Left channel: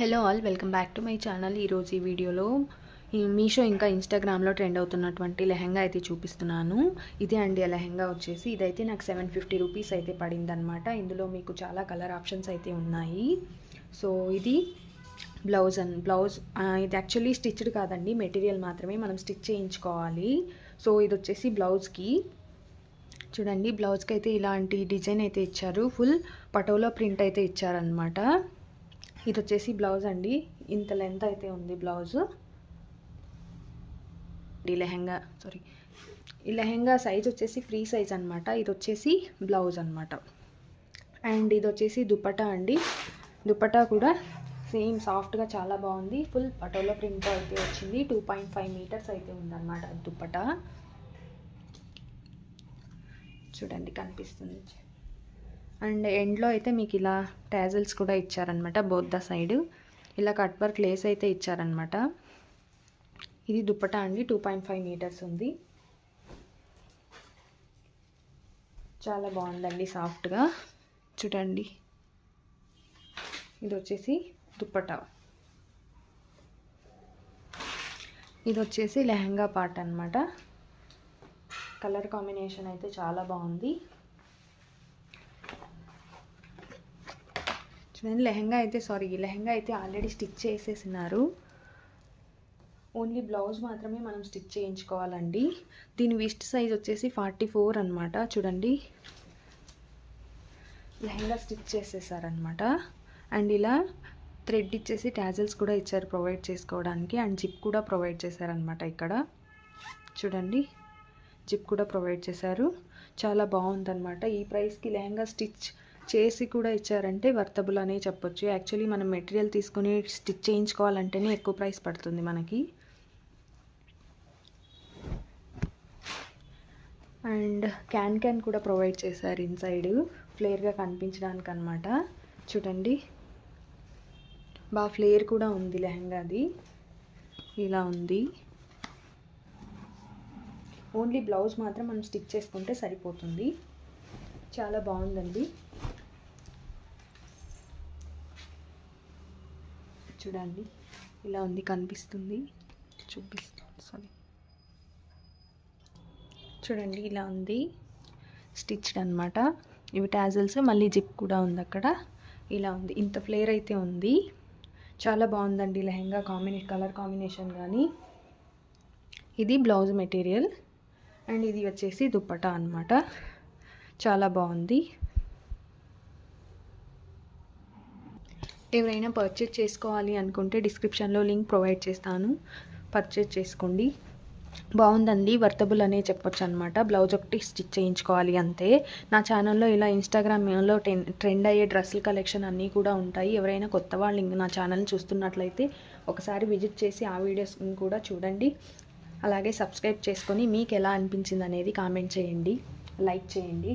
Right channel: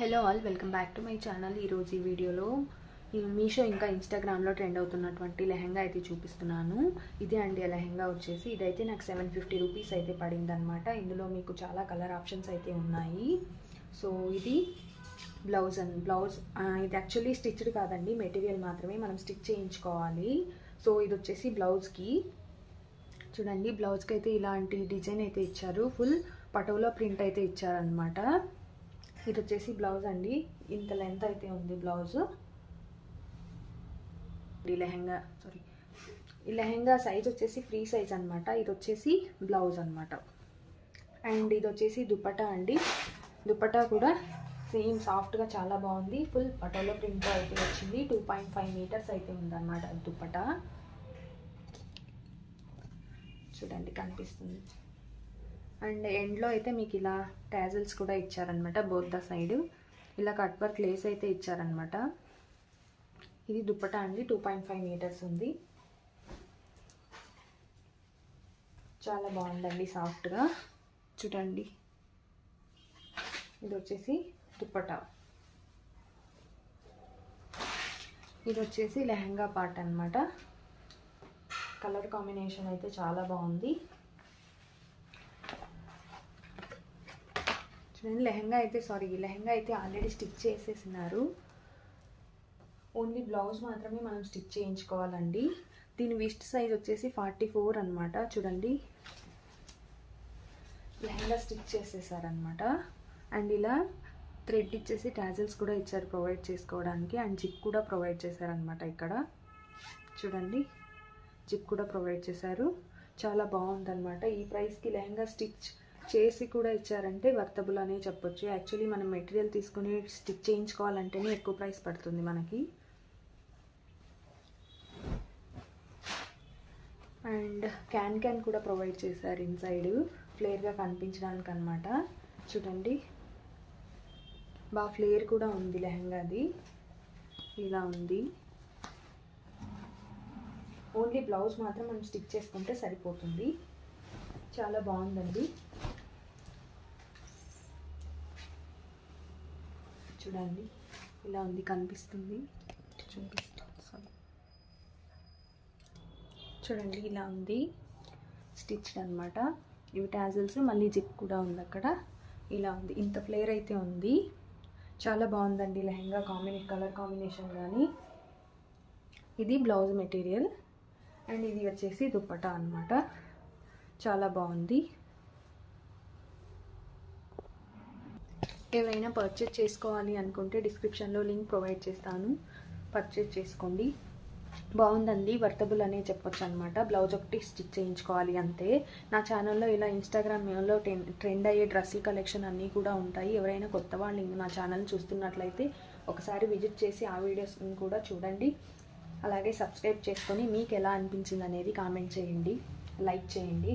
Hello all, welcome back to my channel. ఈరోజు ఈ వీడియోలో మీషో ఇంకా ఇన్స్టాగ్రామ్లో ట్రెండ్ అవుతున్నటువంటి లెహంగా అయితే చూపిస్తున్నాను. ఇదే అండి ఆ లెహంగా వచ్చేసి. ఇదైతే నాకు 750 రూపీస్ అయితే పడింది అనమాట. ఇందులో మీకు చాలా కలర్ ఆప్షన్స్ అయితే ఉన్నాయి. సో ఇది బ్లౌజ్ ఇది యాక్చువల్లీ స్టిచ్డ్ కాదండి, మెటీరియల్ మాత్రమే మనం స్టిచ్ చేయించుకోవాలి. సో ఇది వచ్చేసి బ్లౌజ్కి చూడండి, బ్లౌజ్కి అయితే ఇలాంటి డిజైన్ అయితే ఇచ్చారు. ఫుల్ పటోలా ప్రింట్ అయితే ఇచ్చారనమాట. ఇది వచ్చేసి బ్లౌజ్ అండి, ఇంత లెంత్ అయితే ఉంది బ్లౌజ్. ఈ లెహంగా సైజ్ వచ్చేసి ఫ్రీ సైజ్ అనమాట. ఇది వచ్చేసి బ్లౌజ్ అనమాట. అండ్ ఇది వచ్చేసి దుపట్టా అండి. దుపట్టా కూడా సేమ్ సాఫ్ట్గా చాలా బాగుంది. ఫుల్ పటోలా ప్రింట్ అయితే వచ్చింది. 2.5 మీటర్స్ అయితే ఉందన్నమాట దుపట్టా. చూడండి కనిపిస్తుంది. అండ్ ఎండ్లో అయితే మీకు ఇలా టాజల్స్ కూడా ఇచ్చారనమాట. బోత్ ద సైడ్ ఇలా కట్ వర్క్ లేస్ అయితే ఇచ్చారనమాట. ఇది దుపట్టా అండి, 2.5 మీటర్స్ ఉంది. చాలా బాగుందండి సాఫ్ట్గా. చూడండి ఇది వచ్చేసి దుపట్టా. ఇది వచ్చేసి లెహంగా పార్ట్ అనమాట. కలర్ కాంబినేషన్ అయితే చాలా బాగుంది. చూడండి లెహంగా అయితే ఆల్రెడీ స్టిచ్ చేసేసినారు. ఓన్లీ బ్లౌజ్ మాత్రమే మనం స్టిచ్ చేయించుకోవాలండి. దీని విస్ట్ సైజ్ వచ్చేసి 44 అనమాట. చూడండి లెహంగా స్టిచ్ చేసేసారనమాట. అండ్ ఇలా థ్రెడ్ ఇచ్చేసి టాజల్స్ కూడా ఇచ్చారు ప్రొవైడ్ చేసుకోవడానికి. అండ్ జిప్ కూడా ప్రొవైడ్ చేశారనమాట. ఇక్కడ చూడండి జిప్ కూడా ప్రొవైడ్ చేశారు. చాలా బాగుందన్నమాట. ఈ ప్రైస్కి లెహంగా స్టిచ్ చేసి కూడా ఇచ్చారంటే వర్తబుల్ అనే చెప్పొచ్చు. యాక్చువల్లీ మనం మెటీరియల్ తీసుకొని స్టిచ్ చేయించుకోవాలంటేనే ఎక్కువ ప్రైస్ పడుతుంది మనకి. అండ్ క్యాన్ కూడా ప్రొవైడ్ చేశారు ఇన్సైడ్, ఫ్లేర్గా కనిపించడానికి అనమాట. చూడండి బాగా ఫ్లేర్ కూడా ఉంది లెహంగాది. ఇలా ఉంది. ఓన్లీ బ్లౌజ్ మాత్రం మనం స్టిచ్ చేసుకుంటే సరిపోతుంది. చాలా బాగుందండి. చూడండి ఇలా ఉంది, కనిపిస్తుంది, చూపిస్తాను సరే. చూడండి ఇలా ఉంది స్టిచ్డ్ అనమాట. ఇవి టాజల్స్, మళ్ళీ జిప్ కూడా ఉంది అక్కడ. ఇలా ఉంది, ఇంత ఫ్లేర్ అయితే ఉంది. చాలా బాగుందండి లెహంగా కలర్ కాంబినేషన్ కానీ. ఇది బ్లౌజ్ మెటీరియల్ అండ్ ఇది వచ్చేసి దుపట్టా అనమాట. చాలా బాగుంది. ఎవరైనా పర్చేజ్ చేసుకోవాలి అనుకుంటే డిస్క్రిప్షన్లో లింక్ ప్రొవైడ్ చేస్తాను, పర్చేజ్ చేసుకోండి. బాగుందండి, వర్తబుల్ అనే చెప్పొచ్చు అనమాట. బ్లౌజ్ ఒకటి స్టిచ్ చేయించుకోవాలి అంతే. నా ఛానల్లో ఇలా ఇన్స్టాగ్రామ్లో ట్రెండ్ అయ్యే డ్రెస్సుల కలెక్షన్ అన్నీ కూడా ఉంటాయి. ఎవరైనా కొత్త వాళ్ళు నా ఛానల్ చూస్తున్నట్లయితే ఒకసారి విజిట్ చేసి ఆ వీడియోస్ కూడా చూడండి. అలాగే సబ్స్క్రైబ్ చేసుకొని మీకు ఎలా అనిపించింది అనేది కామెంట్ చేయండి, లైక్ చేయండి.